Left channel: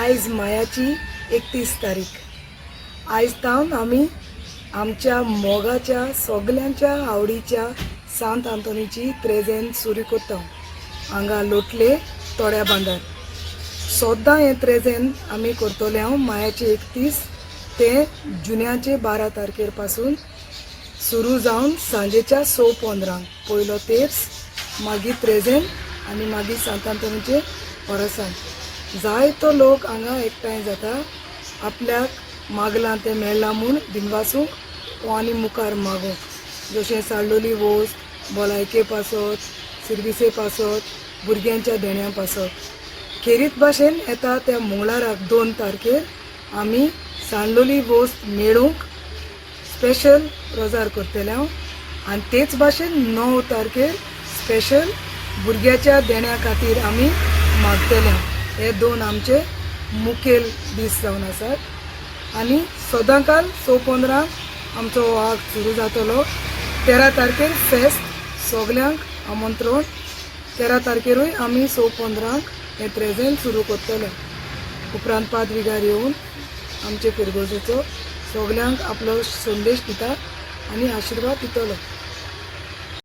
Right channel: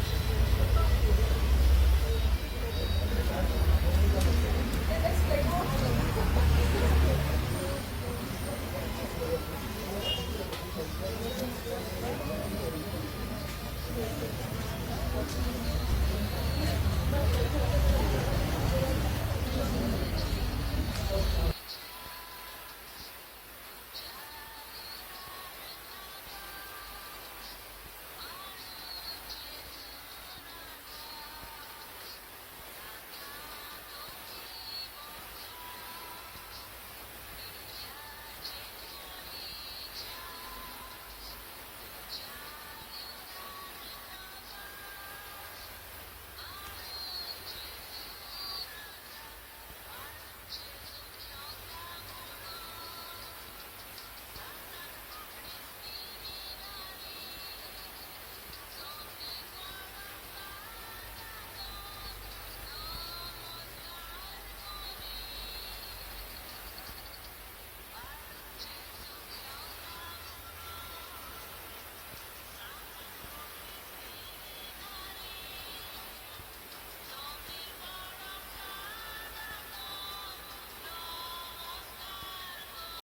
आयज मायाची 31 तारीख। आयज तावन आमी आमच्या मोगाच्या सगल्यांच्या आवडीच्या सांत आंतोनीची त्रेजेन सुरू करता हांगा लोटले तोड्या बांदार। सद्दां हें त्रेजेन आमी करतले हांव मायाचे 31 ते जुन्याचे 12 तारखेर पासून सुरू जावन सांजेच्या 6:15 पयलो तेर्स, मागीर त्रेजेन आनी मागीर सांत आंतोनीचे ओरोसान। जायतो लोक हांगा एकठांय जाता आपल्याक मागलां तें मेळ्ळां म्हूण दिनवासूंक वा आनी मुखार मागूंक, जशें साळडोली वोस, भलायके पासत, सिर्विसे पासत, भुरग्यांच्या देण्या पासत। खेरीत भाशेन येता त्या मंगळाराक 2 तारखेर आमी सांडोली वोस मेळूंक स्पेशल रोजार करतले हांव, आनी तेच भाशेन 9 तारखेर स्पेशल भुरग्याच्या देण्या खातीर आमी मागतले। हे 2 आमचे मुखेल दीस जावन आसात। आनी सदांकाल 6:15 आमचो वाग सुरू जातलो। 13 तारखेर फेस्त, सगल्यांक आमंत्रण। 13 तारखेरूय आमी 6:15 हे त्रेजेन सुरू करतले। उपरांत पाद्रीगार येवन आमचे पिरगोजेचो सगल्यांक आपलो संदेश दिता आनी आशिर्वाद दितलो।